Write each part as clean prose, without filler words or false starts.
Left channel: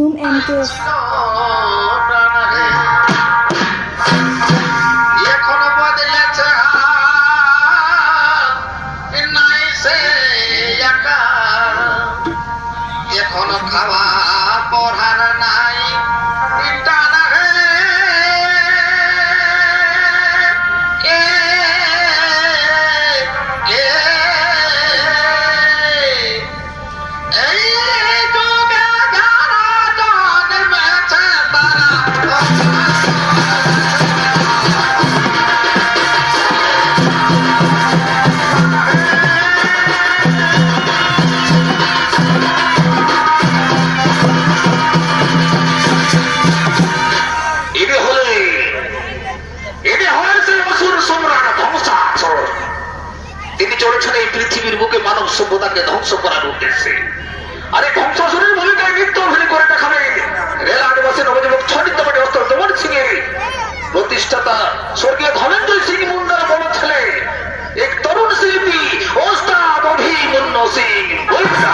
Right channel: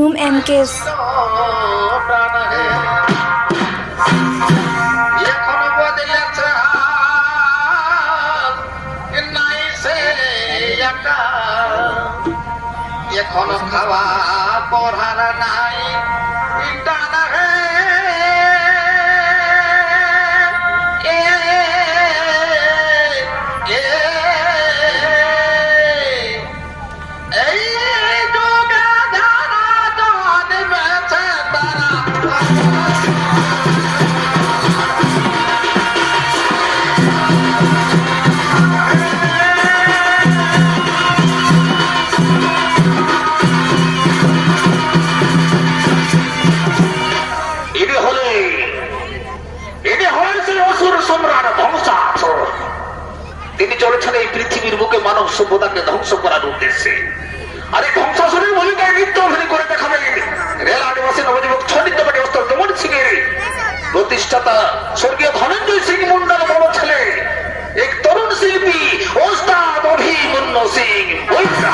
ঝুম এমকেস। এখন বদলেছে নাই সে একা, এখন খাওয়া পড়ার নাই টানা হে। এই যুগে যারা জন্মেছে তারা তিনি চলেছেন এই পৃথিবীর বুকে মানব সভ্যতাকে ধ্বংস করার উদ্দেশ্যে। আর এই ধ্বংসাসুরের ভূমিকায় নৃত্য অভিনয় করে দেখাবেন রেল আদিবাসী নবযুবক ছন্দিতপাটি অস্ত্র দমন সিং এর প্রতিষ্ঠাতা স্বর্গীয় ধনঞ্জয় সিং মুন্ডার বড় ছেলে এক তরুণ শিল্পী ওস্তাদ অভিমন্যু সিং মুন্ডা।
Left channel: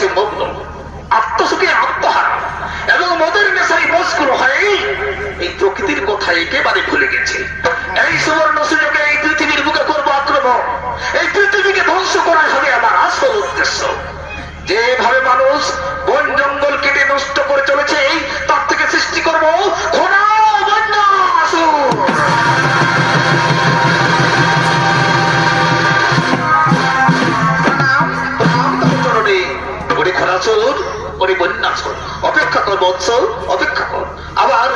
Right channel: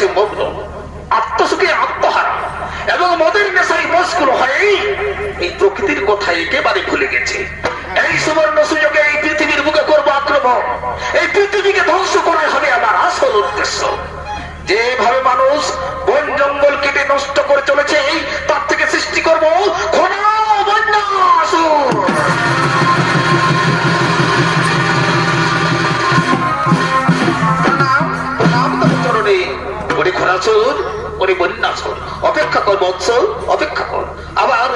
বিলাসে মগ্ন, আত্মসুখে আত্মহারা এবং মদের নেশায় মশগুল হয়ে এই প্রকৃতির কথা একেবারে ভুলে গেছে। এই সুবর্ণ সুযোগে এই পৃথিবীর বুকে করব আক্রমণ, এই পৃথিবীকে ধ্বংস করাই হবে আমার আসল উদ্দেশ্য। যেভাবে মানুষ বন জঙ্গল কেটে নষ্ট করে চলেছে তার থেকে সৃষ্টি করব ঘোড়া বন্যাসুর। ওরে খরাসুর, ওরে বন্যাসুর, অপেক্ষা কর বৎস, অপেক্ষা কর। আবার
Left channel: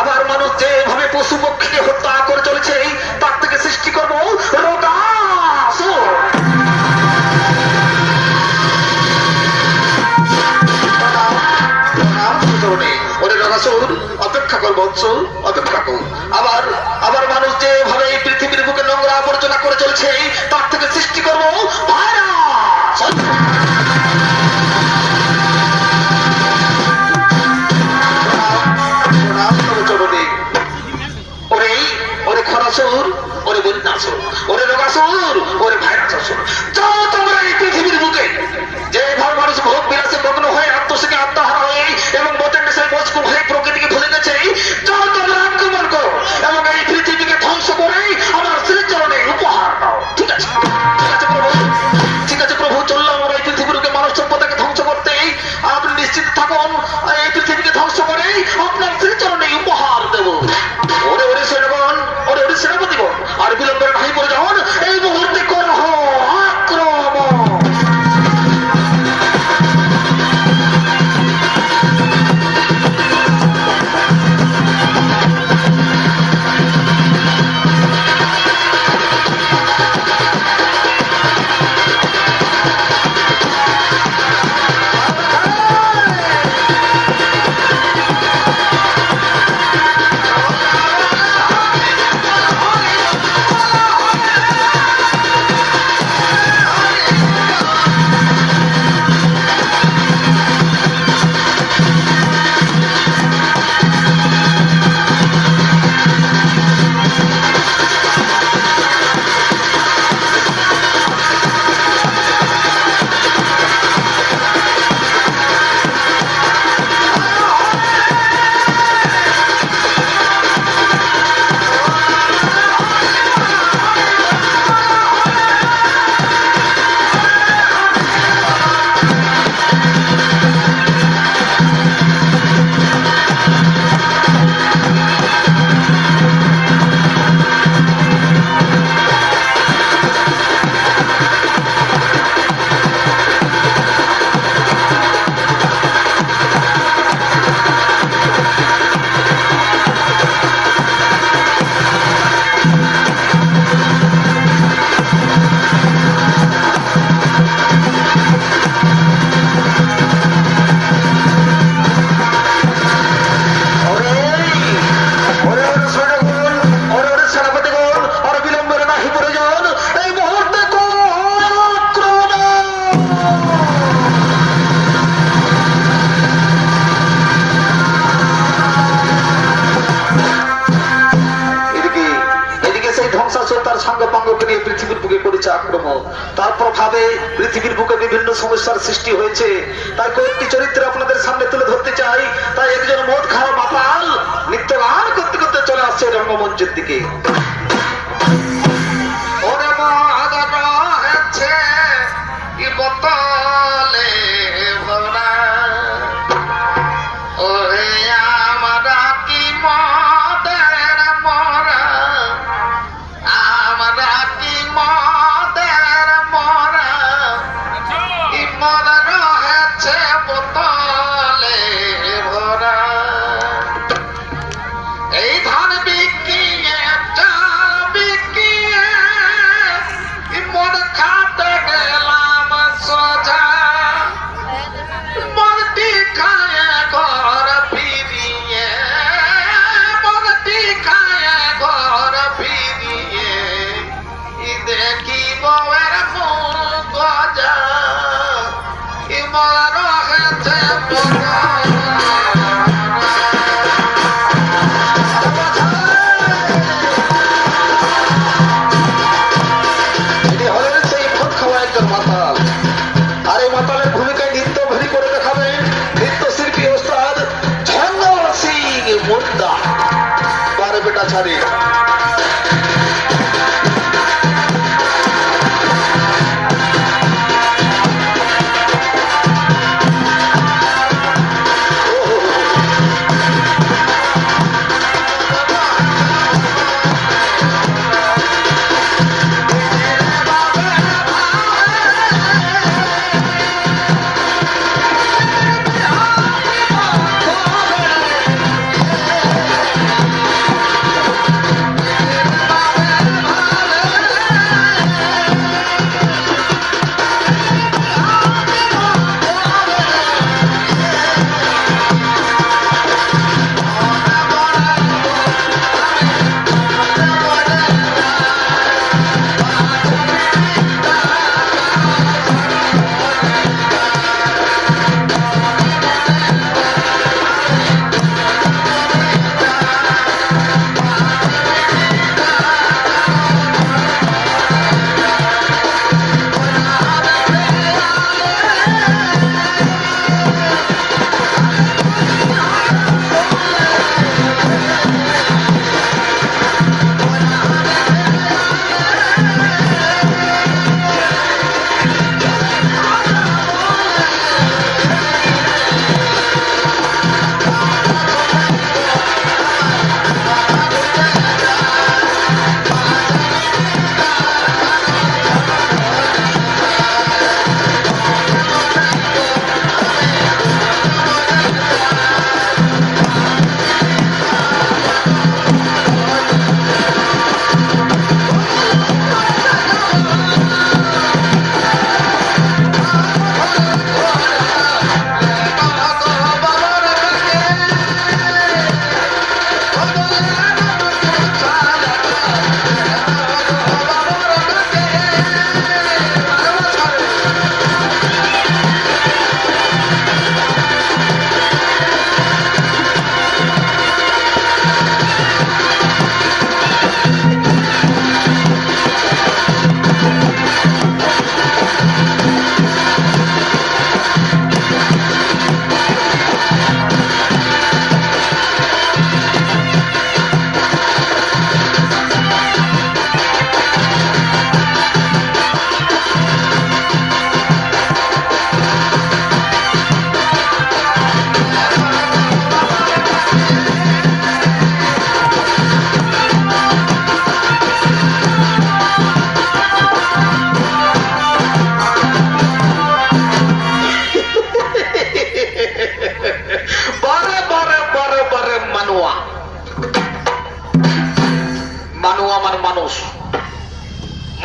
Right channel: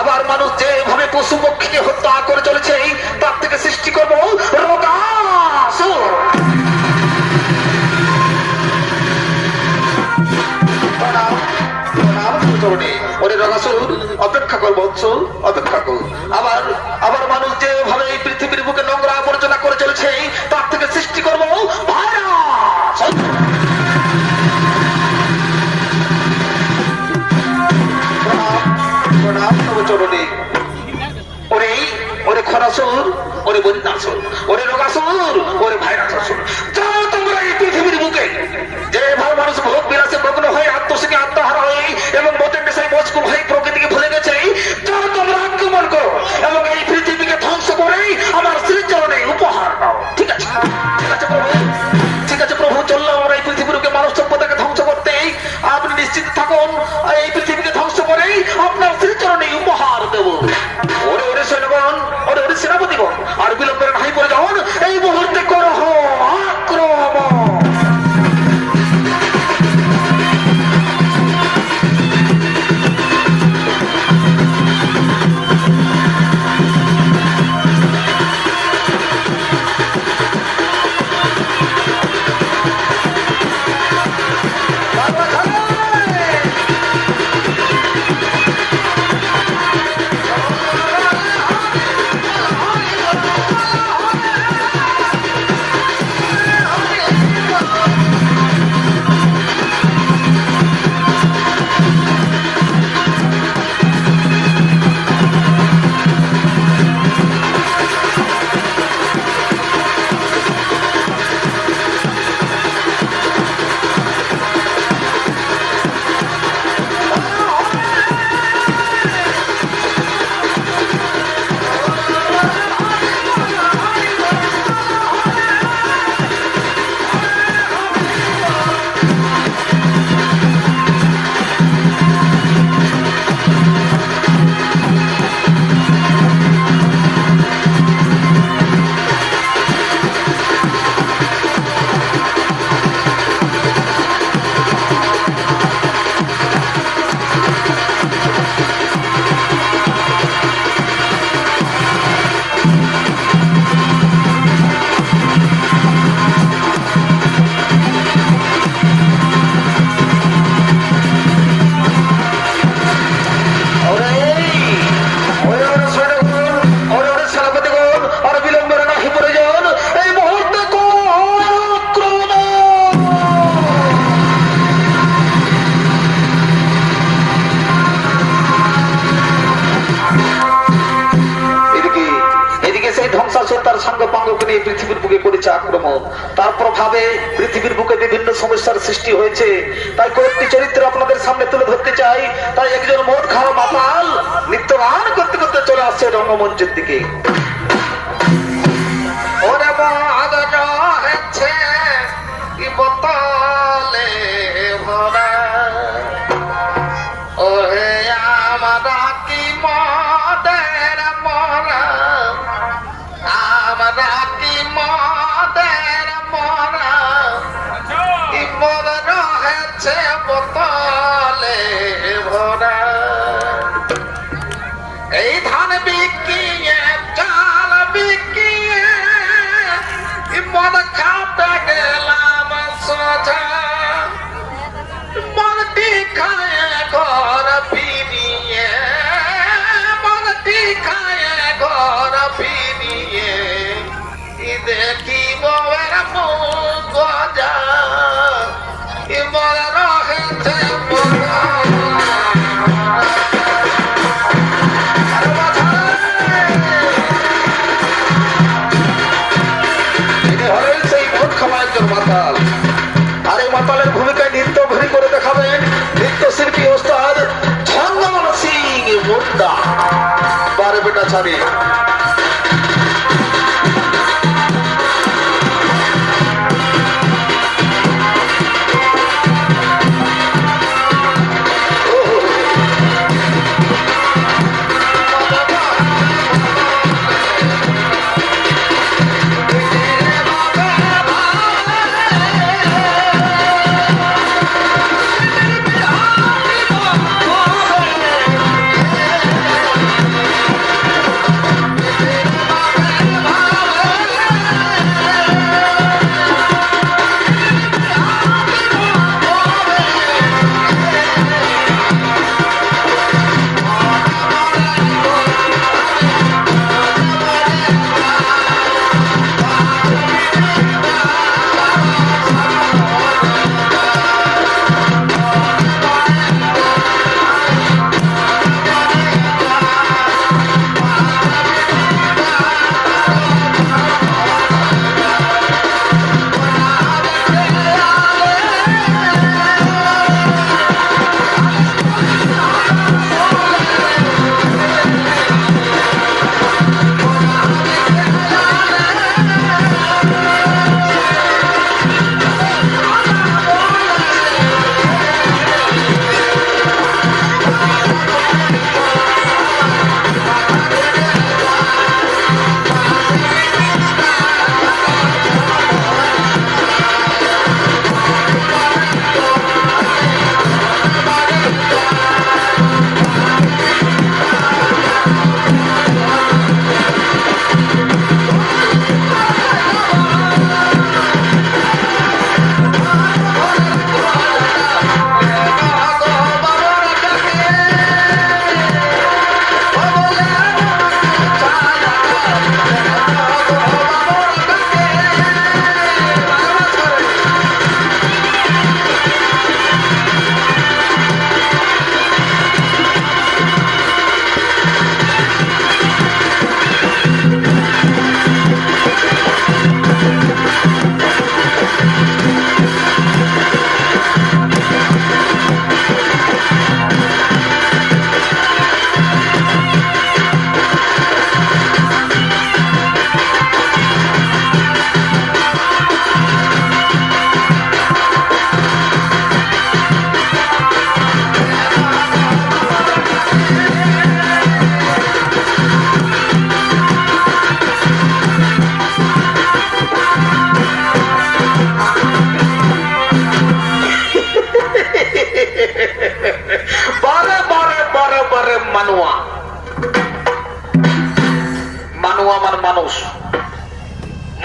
আবার মানুষ যেভাবে পশু পক্ষীকে হত্যা করে চলেছে তার থেকে সৃষ্টি করব রোগাসুর। ওরে রোগাসুর, অপেক্ষা কর বৎস, অপেক্ষা কর। আবার আবার মানুষ যেভাবে এই পৃথিবীর বুকে নোংরা আবর্জনা করে চলছে তার থেকে সৃষ্টি করব ভাইরাস। ওরে খরাসুর, ওরে বন্যাসুর, ওরে রোগাসুর, ওরে ভাইরাসুর, যাও তোমরা এই পৃথিবীর বুকে যেভাবে মানুষ ভোগ বিলাসে মগ্ন হয়ে আত্মসুখে আত্মহারা হয়ে এবং মতের নেশায় মজগুল হয়ে প্রকৃতিকে ভুলে গেছে, যাও তোমরা আক্রমণ করো এবং এই পৃথিবীকে ধ্বংস করে আমার শ্রীচরণে উপহার দাও। ঠিক আছে, ঠিক আছে প্রভু, ঠিক আছে প্রভু, চললাম আমরা এই পৃথিবীর বুকে মানব সভ্যতাকে ধ্বংস করতে। আপনি নিশ্চিত থাকুন এই পৃথিবীকে ধ্বংস করে আপনার শ্রীচরণে উপহার দেব। ওরে ওরে সৈন্যগণ, ওরে ওরে সেনাপতিগণ, আর বিলম্বের নাই পড়ে যান, এই মুহূর্তে করহ আক্রমণ। তার সঙ্গ পাঙ্গকে নিয়ে পৃথিবীর বুকে করেছে আক্রমণ। তার প্রভাবে পৃথিবীর বুকে বিভিন্ন সমস্যার সৃষ্টি হয়েছে। তাই কয়েকটি চরিত্র আপনাদের সামনে তুলে ধরতে চাই। তাই একজন মদ খাওয়া মাতাল নৃত্য গান করতে করতে চলে আসছে রঙ্গমঞ্চের দিকে। ওরে বাদর হচ্ছে কি বোতলে ভরা, ওরে আমরা কি মদের মরা, আমরা কি মদের মরা, কি মদ রহেছে বোতলে ভরা। এই ধান বিকিয়ে চাল বিকিয়ে মদ খাতে গেলাম সোজা, মদটি খায় ঘর ফিরিয়ে, মদটি খায় ঘর ফিরিয়ে দেখি বউয়ের মুখ গজা, মদ রহেছে মাতাল। আর এই মাতালের ভূমিকায় নৃত্য বেটা ছাড়ি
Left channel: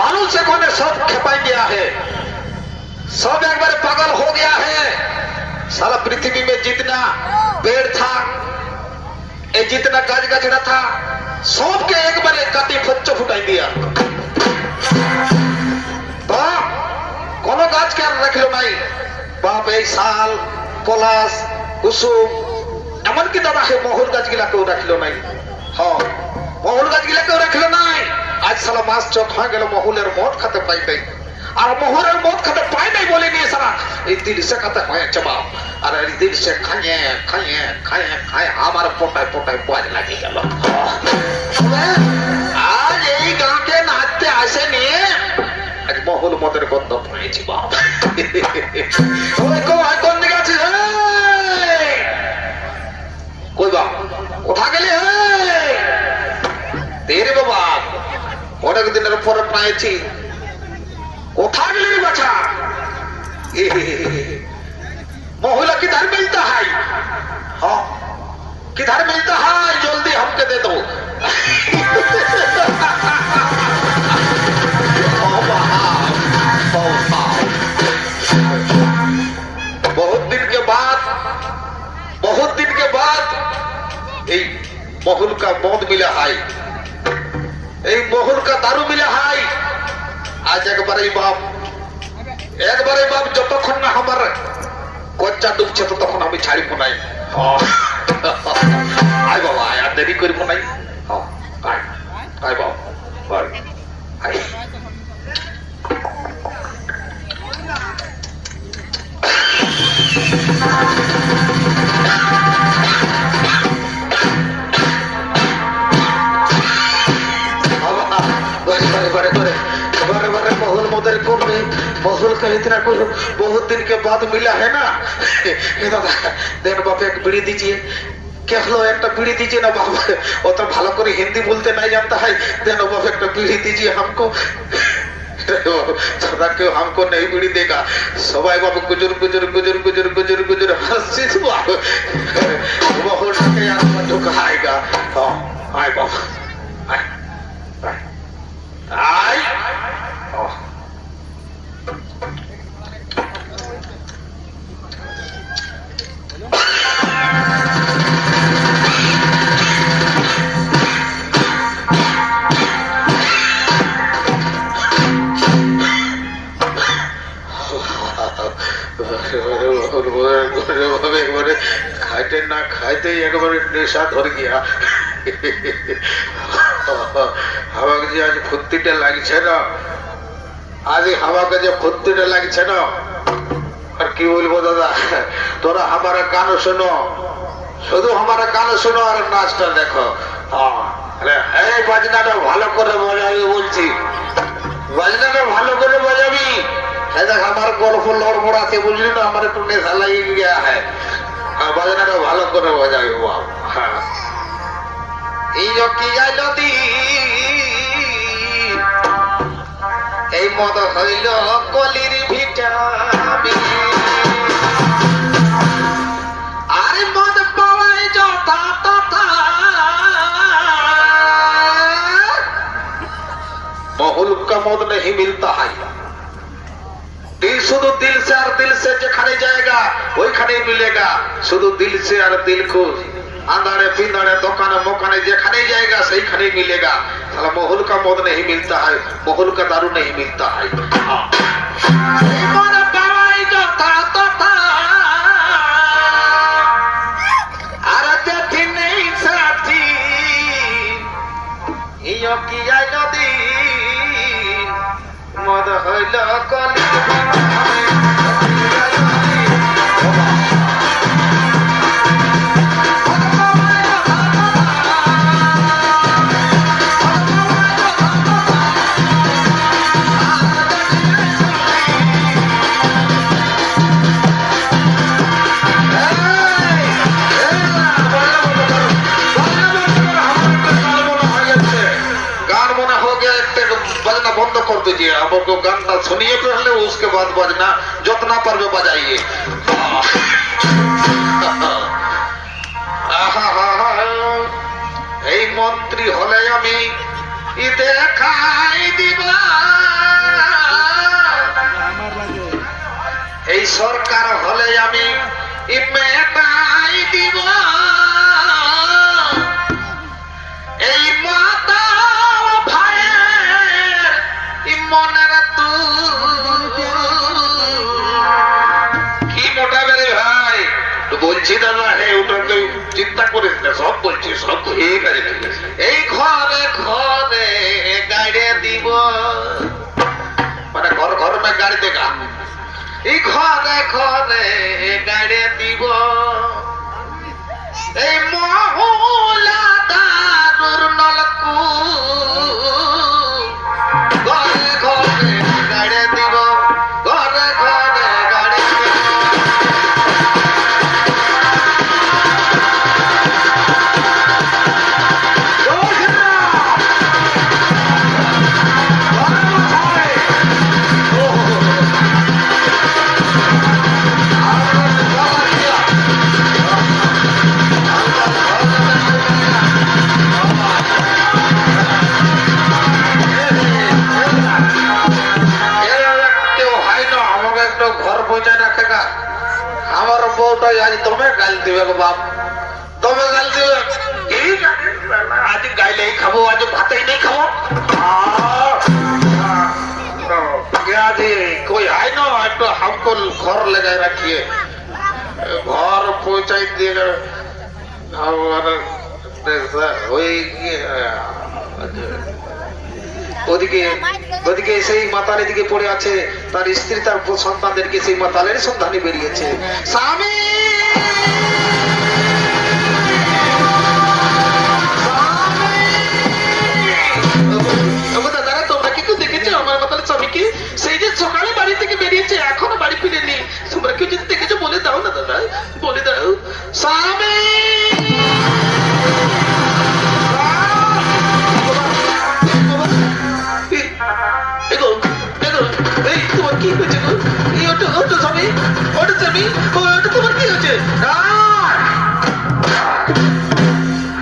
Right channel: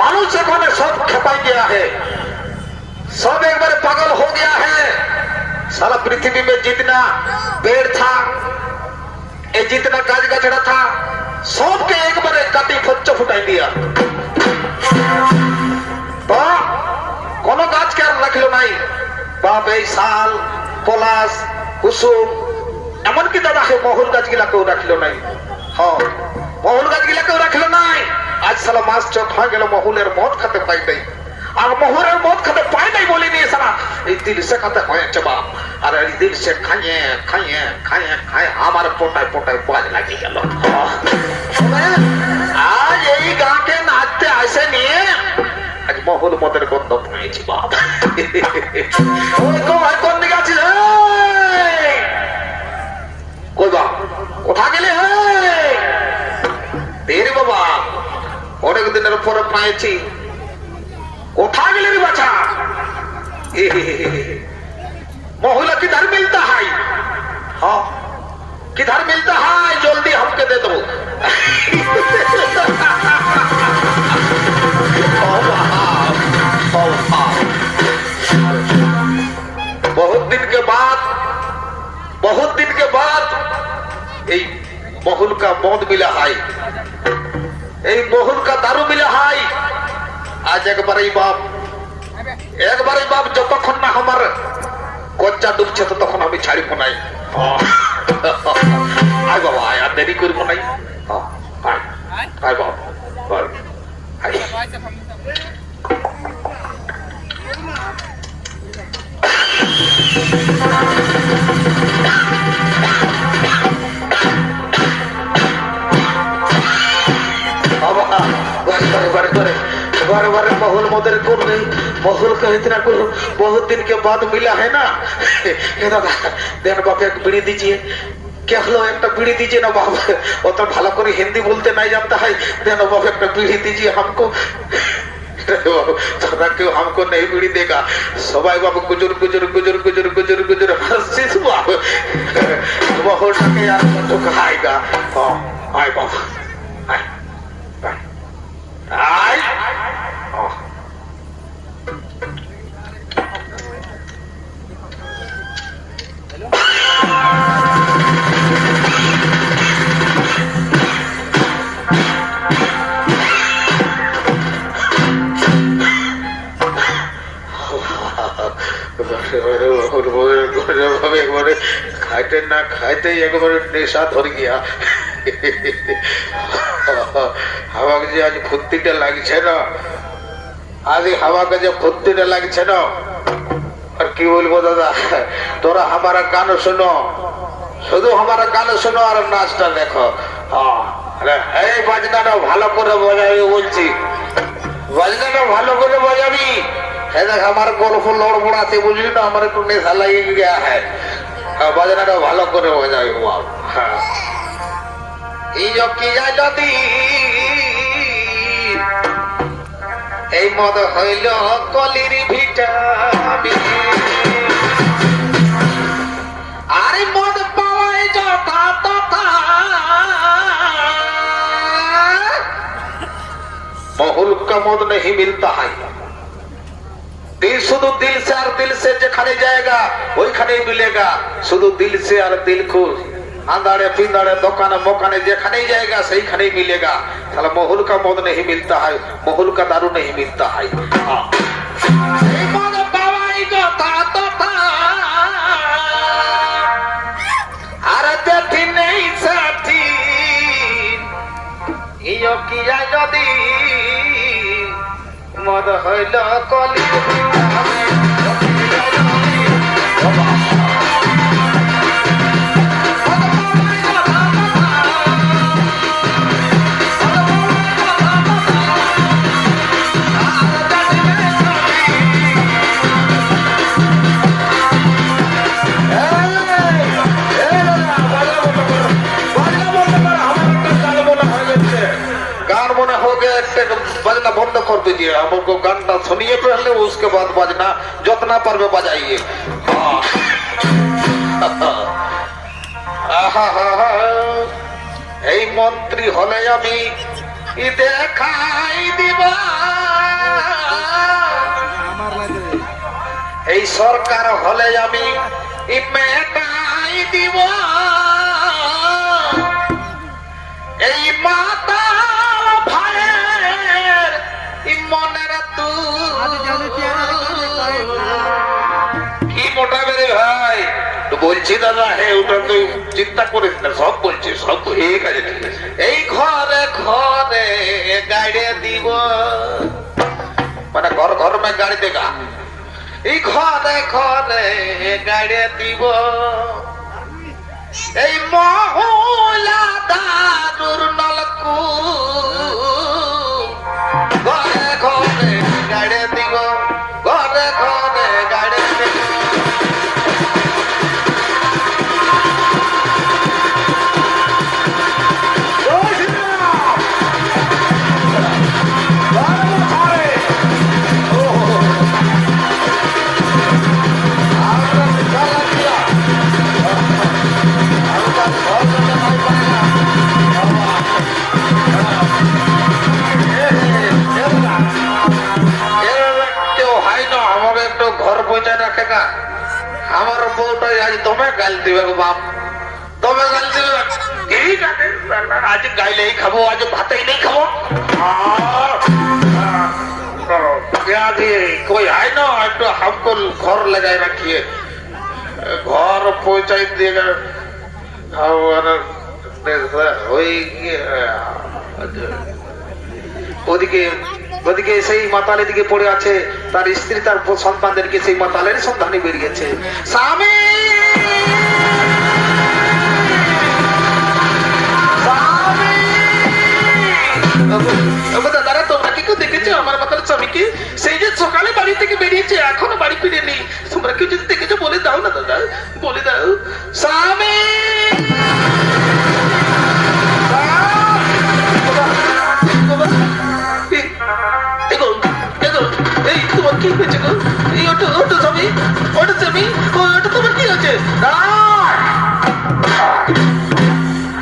मानुष एखने सब खेपाई गया है, सब एक बार पागल हो गया है। सारा पृथ्वी में जितना पेड़ था, ये जितना गाछ गछड़ा था, सबके एक बार काटी फच्चो फुटाई दिया। तो कोनो गाछ के रख लो नहीं, बाप साल पलाश कुसुम एमन की दादा है महुल गाछ गिला केउ रख लो नहीं। हाँ महुल गाछ गिला केउ रख लो नहीं। आज साला मास चौक हो गेल महुलेर मौत खाते पाई नहीं, और महुलेर मौत खाते पाई नहीं बोली नहीं साला এই দিল সে খাতে হয় জবাব, আর এই দিল সে খাইয়ে খাইয়ে খাইয়ে খাই আমার পোটায় পোটায় বাজ লাগি গেল। আজ এই গাঁকে নাচতে আসে নিয়ে আজ মহুল মদের গন্ধ পেয়েছি বাপ। ওই কোন দিকে আছিস? কই বাপ কোথা গেলি? তেরে বাবা অনেক দিনের পরে পেয়েছি, কোথা গেলি রে বাছা? महुला किधर मिलता है? हाँ किधर मिलता है? जल्दी हमके दे दो। बहुत दिन के बाद এই মহুল का মদ मिला है, এই মহুল का दारू मिला है। आज एक बार बाप যতক্ষণ না আমার কচ্চা ডুবছে ততক্ষণ আমি ছাড়িব নাই। আয় বাবা আয়, আর দেরি করব নাই। আয় আয় বাবা আয়। बारे बारे बारे बारे बारे महल मदर करने महल का इतना करो बहुत दिन के बाद मिला है ना ये दादा देन बाप एक बीड़ी दीजिए क्या हलो एक बीड़ी दीजिए ना बाप वो तो भला करे हिंदी बोलते नहीं जानता है देन बाप एक बीड़ी दीजिए हमको क्यों हमको नहीं बीड़ी देगा सबाई बाबू गुजर गुजर गुजर गुजर गुजर गुजर हंसिस बाबू बहुत यार मत खाएगा आए बाबू आए आए खाते ना खाते एक बार नेशा धर गया हवा के आज फुर्तीटा लागছে না आज हवा के जो फुर्तीटा लागছে না और की बोलबो दादा तोरा हमारा गान सुनो शुद्ध हमारा गान सुनो और नाचटा देखो अरे এই বাজনাটা ভালো করে বাজাবি বলছি বাজনাটা ভালো করে বাজাবি देख हमारे गोल्फ लड़बड़ा से बुझली ना हमारे तो नेशा लग गया है बजना भालो करे बजाबी बाबू हाँ नदी এই মদ হইল কলির ভিটামিন আরে মদ পাওয়াই যথা তথা महल का मद नहीं मिलता है दिल शुद्ध दिल से और दिल से जेखाने जाएगा वही खाने मिलेगा शुद्ध दिल से और दिल को अंधारे पिंदारे दुकान मोकाने जेखाने जाएगा सही खाने मिलेगा साला महल का मौत नहीं मिलता है महल का दारू नहीं मिलता है मद हईल कली बजना बंद कर दीजिए हमको गाना सुनिए पहले उसके बाद बजना जितना पर्व बजाइए मंत्री हले आमी देखाई दिबा सरकार हले आमी मेटाई दिबा माता বলছি দাদা হে ওটা তো চিন্তা করিস না সব বলছি সব ঠিক আছে এই ঘরে ঘরে গাড়ি দিব মানে ঘর ঘর মে গাড়ি দেগা এই ঘরে ঘরে গাড়ি দিব এই মহুলা দারুর নলকু ঘরে ঘরে গাড়ি দিব ঘরে ঘরে গাড়ি रखेगा हमारा बोटा आज तुम्हें गाल दिवे बाप तुम्हें गाल दिवे आज गाय नहीं खाबो आज भात ही नहीं खाबो क्या कोई है ना तो हमको घर लगाए रखिए घर पहुंचाई देगा ওদিকে ওদিকে সেই মাতালের দিকে পড়ে আছে তার স্ত্রী তার সন্তানদেরকে সেই মাতালের সন্ধানে বেরিয়েছে স্বামী দাদারা তোমরা কি আমার মাতাল স্বামীকে সেই যে সকালে বাড়ি থেকে বেরিয়েছে এখনো বাড়ি ফিরেনি তোমরা কেউ যদি দেখেছো বলে দাও না দাদা বলে দাও স্বামী এই তোমার কি হয়েছে গো এই ওটো ওটো স্বামী ওটো স্বামী ওটা তোমার কি হয়েছে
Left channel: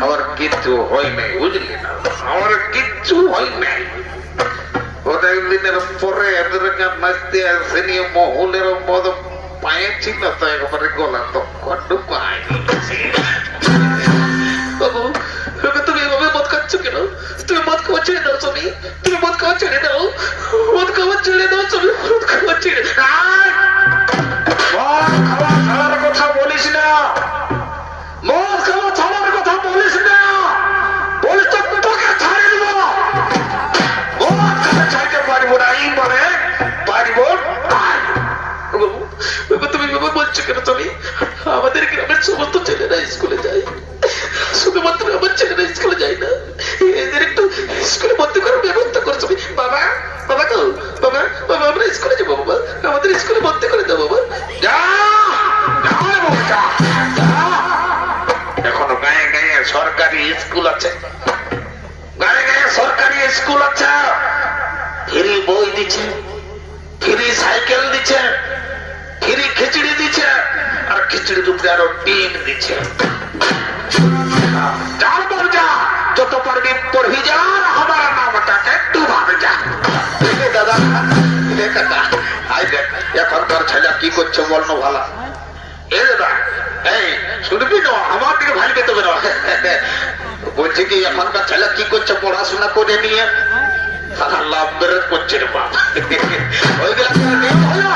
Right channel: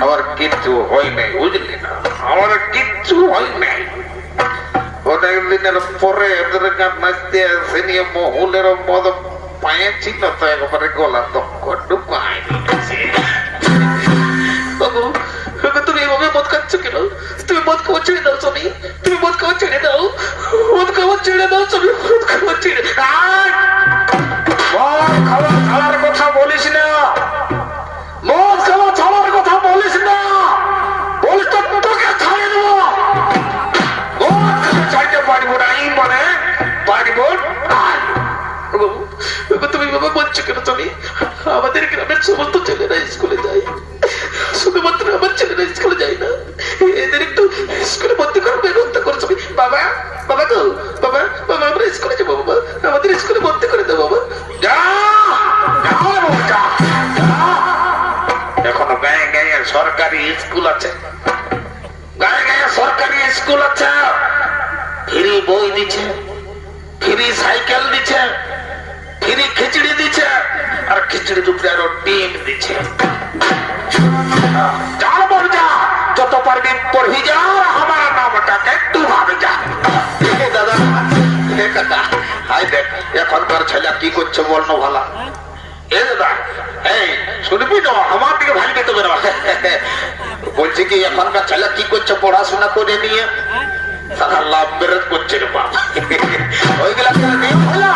আমার কিচ্ছু হয় নাই বুঝলি না আমার কিচ্ছু হয় নাই অনেকদিনের পরে এদের গান নাচতে আসে নিয়ে মহুলের মদ পায়ে ছিল তো একবারে গলা তক্ক ঢুকাই বাবু তুমি এইভাবে মদ খাচ্ছ কেন তুমি মদ খাওয়া ছেড়ে দাও স্বামী তুমি মদ খাওয়া ছেড়ে দাও মদ খাওয়া ছেড়ে দাও স্বামী মদ খাওয়া ছেড়ে মদ খাওয়া ছাড়ার কথা বলিস না মদ খাওয়া ছাড়ার কথা বলিস না বলিস তো তোকে ছাড়ে দেবো মদ খেতে ছাড়তে পারবো না এই মানে পারবো বাবু তুমি এভাবে বলছো কেন তুমি আমাদের গ্রামের সমস্ত ছেলেরা স্কুলে যায় শুধুমাত্র আমার ছেলেরা স্কুলে যায় না এদের একটু স্কুলে ভর্তি করার ব্যবস্থা করছো বাবা বাবা গো বাবা বাবা আমরা স্কুলে যাবো বাবা আমাদের স্কুলে ভর্তি করে দাও বাবা যা এখনো গায়ে গায়ে সরকারি স্কুল আছে গায়ে গায়ে সরকারি স্কুল আছে ফ্রি বই দিচ্ছে ফ্রি সাইকেল দিচ্ছে ফ্রি খিচড়ি দিচ্ছে আর খিচড়ির উপরে আরো ডিম দিচ্ছে যার বাবু যা যত পারবি পড়বি যা আমার নামটাকে একটু ভাবে যা দাদা কাকা হাই দেখ এখনকার ছেলে কি করছে বলনো ভালা এ দাদা এই শুনবি না আমার দিকে ভাই পেতে না বলছে কি এখনকার ছেলে কি করছে পড়াশোনা করে নিয়ে সারা লাভ বেরোত করছে রে বাপ ওইগুলা নিয়ম হলো